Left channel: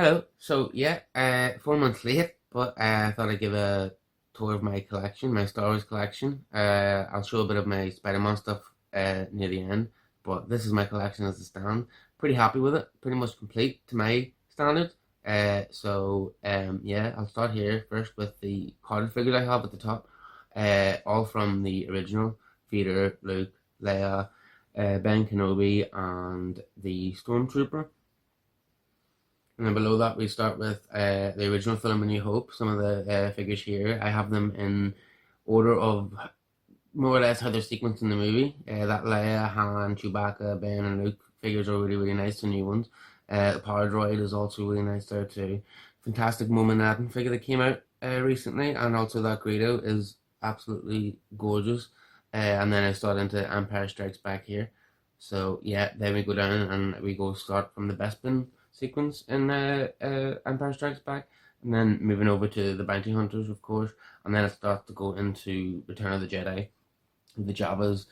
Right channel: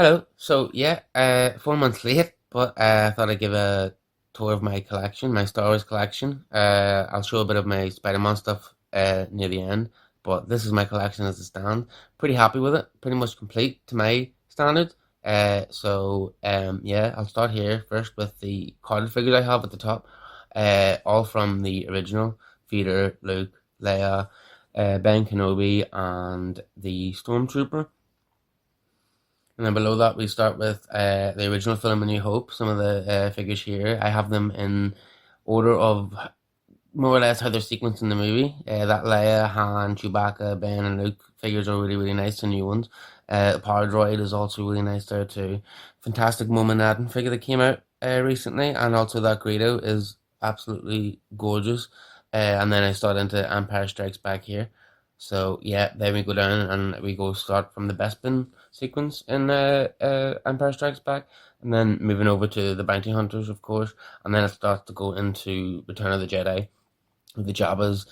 Hello. So yeah, 4 months late, but I thought I'd give a tour of my collection, my Star Wars collection. I'll show a bit of my Spider-Man stuff near the end, but this is my collection as it stands. Pretty happy with it. Pretty much complete to my standards. Yeah, I'll start here first with the carded figures I have at the top. All from the original: Vader, Luke, Leia, Ben Kenobi, and the Stormtrooper. And then below that, we start with the original film, A New Hope. Some of the figures here, I have them in order of more or less how they're sequenced in the movie. That Leia, Han, Chewbacca, Ben, and Luke figures are really, really nice, the new ones. The Power Droid is also really nice there too. Fantastic Mom and Adin figure that came out recently, and also that Greedo is absolutely gorgeous. And then I start into Empire Strikes Back here. So yeah, then we go down and we go start from the Bespin sequence in Empire Strikes Back, and then moving over to the Bounty Hunters, of course, and then it starts to go into Return of the Jedi with the Jabba's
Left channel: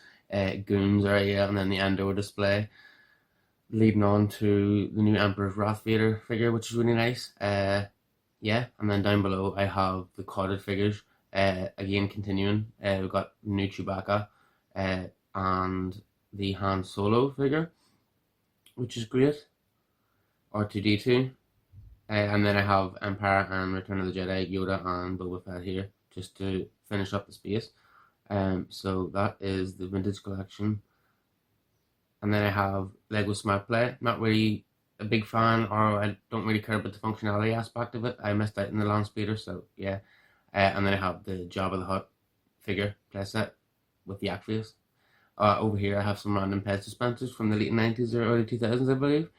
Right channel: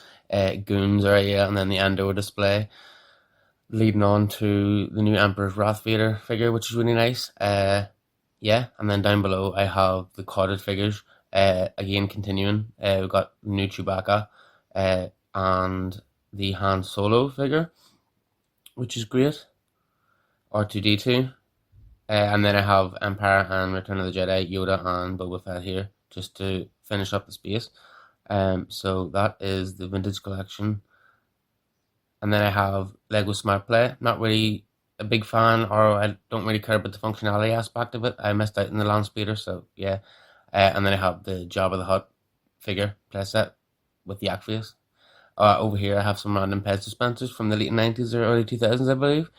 goons area, and then the Andor display, leading on to the new Emperor's Wrath Vader figure, which is really nice. Yeah, and then down below I have the carded figures. Again, continuing, we've got the new Chewbacca, and the Han Solo figure, which is great. R2D2. And then I have Empire and Return of the Jedi, Yoda and Boba Fett here, just to finish up the space. So that is the vintage collection. And then I have Lego Smart Play. Not really a big fan, or I don't really care about the functionality aspect of it. I missed out in the land speeder, so yeah. And then I have the Jabba the Hutt figure playset with the Acpheus. Over here, I have some random pet dispensers from the late 90s or early 2000s, I believe,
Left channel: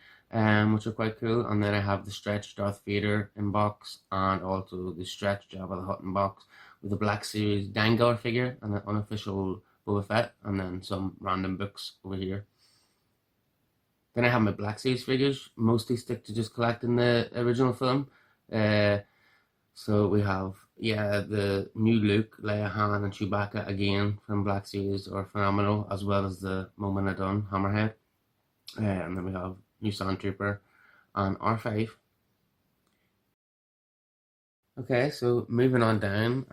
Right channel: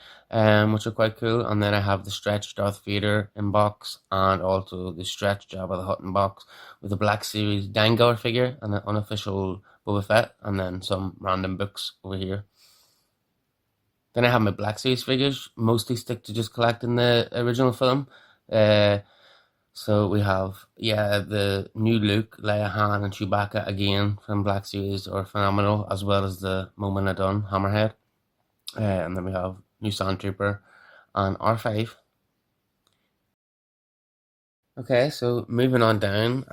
which are quite cool. And then I have the stretch Darth Vader in box, and also the stretch Jabba the Hutt in box with the Black Series Dengar figure and an unofficial Boba Fett, and then some random books over here. Then I have my Black Series figures, mostly stick to just collecting the original film. Uh, so we have, yeah, the new Luke, Leia, Han, and Chewbacca again from Black Series are phenomenal, as well as the Moment Done Hammerhead. And then we have new Sandtrooper and R5. Okay, so moving on down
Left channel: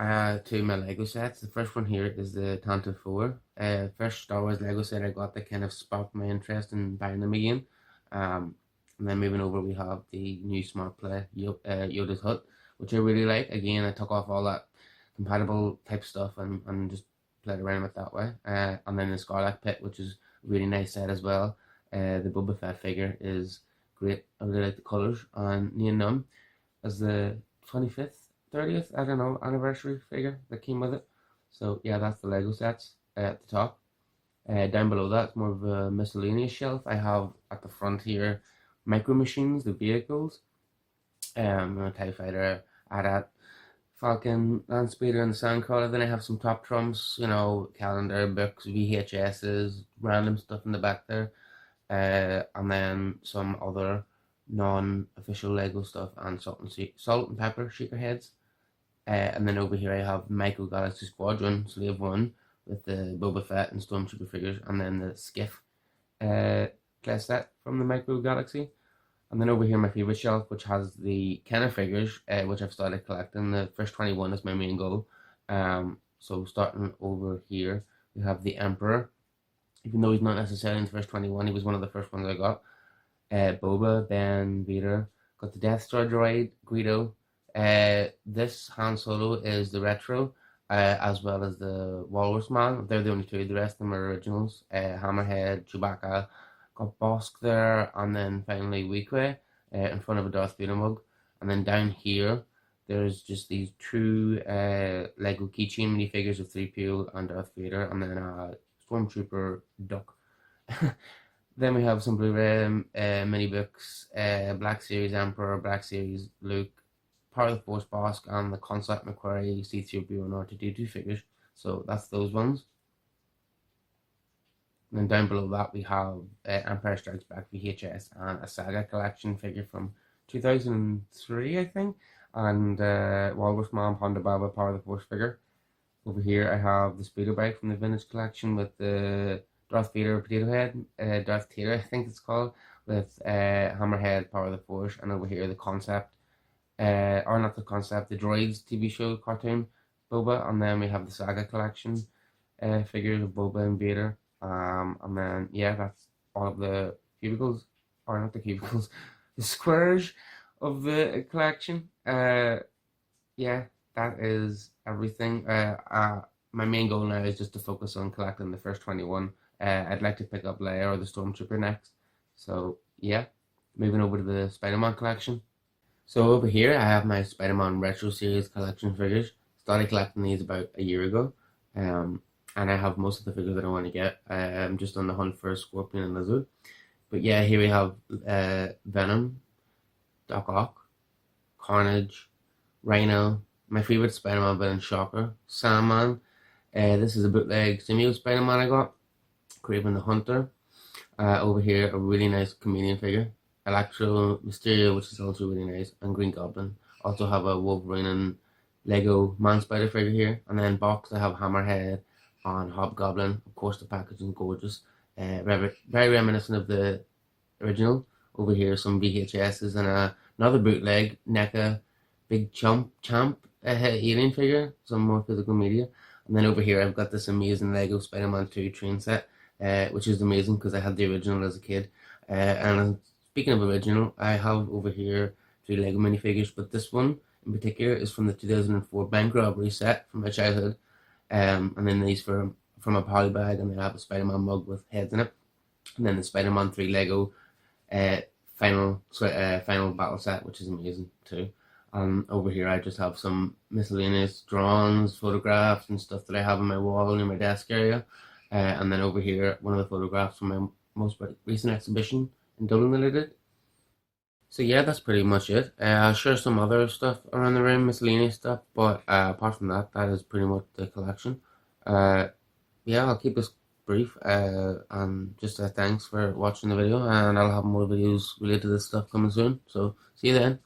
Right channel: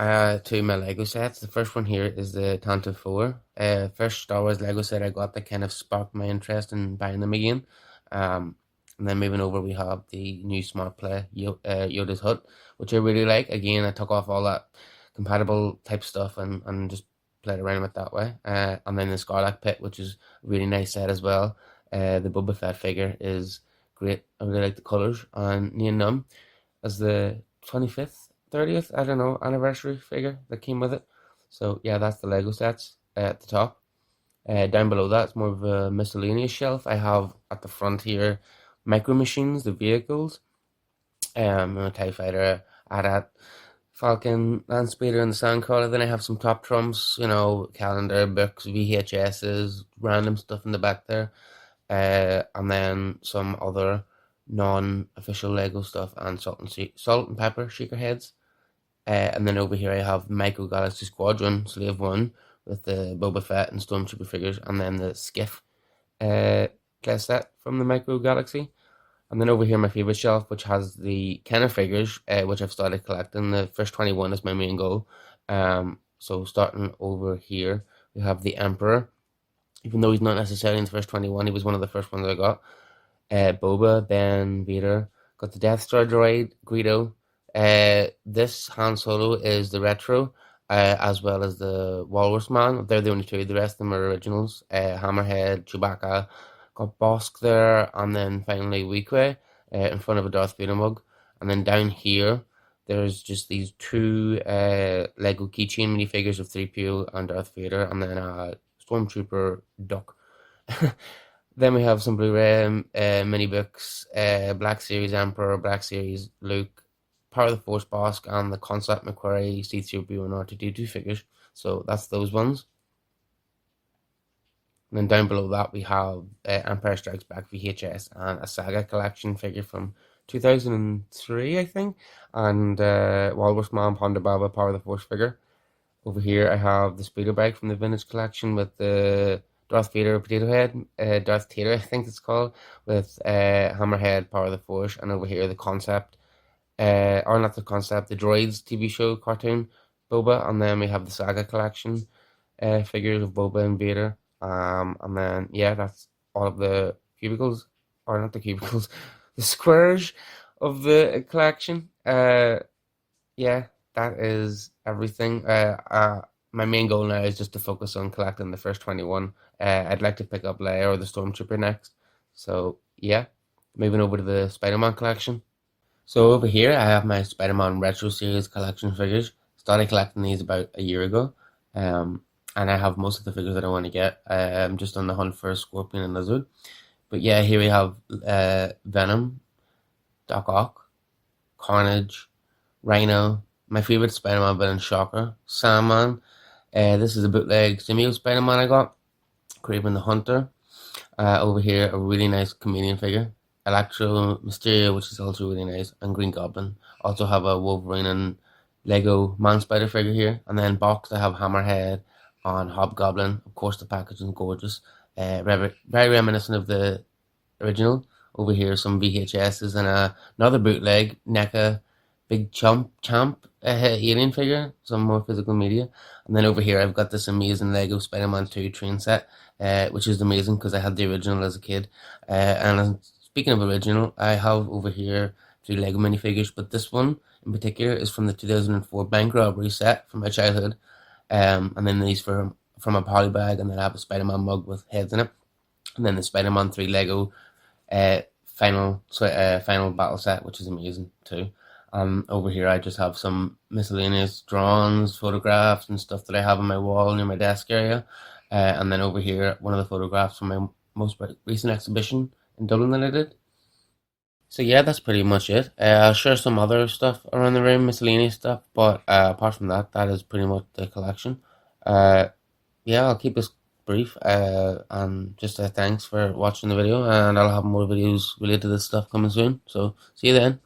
to my Lego sets. The first one here is the Tantive 4. First Star Wars Lego set I got that kind of sparked my interest in buying them again. And then moving over, we have the new Smart Play Yoda's Hut, which I really like. Again, I took off all that compatible type stuff and just played around with that way. And then the Scarlet Pit, which is a really nice set as well. The Boba Fett figure is great. I really like the colors. And Nien Nunb as the 25th, 30th, I don't know, anniversary figure that came with it. So yeah, that's the Lego sets at the top. Down below that, it's more of a miscellaneous shelf. I have at the front here Micro Machines, the vehicles, a TIE Fighter, AT-AT, Falcon, Land Speeder, and the Sandcrawler. Then I have some top trumps, calendar, books, VHSs, random stuff in the back there. And then some other non-official Lego stuff and salt and pepper shaker heads. And then over here I have Micro Galaxy Squadron Slave One with the Boba Fett and Stormtrooper figures, and then the Skiff playset from the Micro Galaxy. And then over here my favorite shelf, which has the Kenner figures, which I've started collecting. The first 21 is my main goal. So starting over here, we have the Emperor. Even though he's not necessarily in the first 21, he was one of the first ones I got. Boba, Ben, Vader. Got the Death Star droid, Greedo. This Han Solo is the retro, as well as the Walrus Man. They're the only two. The rest of them are originals. Hammerhead, Chewbacca. Got Bosk there, and then finally Weequay in front of a Darth Vader mug. And then down here, there's just these two Lego keychain minifigures of 3PO and Darth Vader, and then a Stormtrooper duck. Then we have some Blu-ray mini books, Black Series Emperor, Black Series Luke, Power of the Force Bosk, and the Concept McQuarrie, C-3PO, and R2D2 figures. So that's those ones. And then down below that we have Empire Strikes Back VHS and a Saga collection figure from 2003, I think, and Walrus Man, Ponda Baba, Power of the Force figure. Over here I have the speeder bike from the vintage collection with the Darth Vader Potato Head, Darth Tater, I think it's called, with Hammerhead Power of the Force, and over here the concept, or not the concept, the Droids TV show cartoon Boba, and then we have the Saga collection figures of Boba and Vader. And then yeah, that's all of the cubicles, or not the cubicles, the squares of the collection. Yeah, that is everything. My main goal now is just to focus on collecting the first 21. I'd like to pick up Leia or the Stormtrooper next. So yeah, moving over to the Spider-Man collection. So over here, I have my Spider-Man Retro Series collection figures. Started collecting these about a year ago, um, and I have most of the figures that I want to get. I'm just on the hunt for a Scorpion and Lizard. But yeah, here we have Venom, Doc Ock, Carnage, Rhino, my favorite Spider-Man villain, Shocker, Sandman. This is a bootleg Simeo Spider-Man I got. Kraven the Hunter. Over here, a really nice chameleon figure. Electro, Mysterio, which is also really nice, and Green Goblin. Also have a Wolverine and Lego Man Spider figure here. And then boxed, I have Hammerhead on Hobgoblin. Of course, the packaging is gorgeous. Very reminiscent of the original. Over here, some VHSs and another bootleg NECA Big Champ alien figure, some more physical media. And then over here, I've got this amazing Lego Spider-Man 2 train set, which is amazing because I had the original as a kid. And speaking of original, I have over here 3 Lego minifigures, but this one in particular is from the 2004 bank robbery set from my childhood. And then these from a poly bag, and then I have a Spider-Man mug with heads in it. And then the Spider-Man 3 Lego uh, final battle set, which is amazing too. Over here, I just have some miscellaneous drawings, photographs, and stuff that I have on my wall near my desk area. And then over here, one of the photographs from my most recent exhibition in Dublin that I did. So yeah, that's pretty much it. I'll share some other stuff around the room, miscellaneous stuff, but apart from that, that is pretty much the collection. Uh, yeah, I'll keep this brief. And just thanks for watching the video, and I'll have more videos related to this stuff coming soon. So see you then.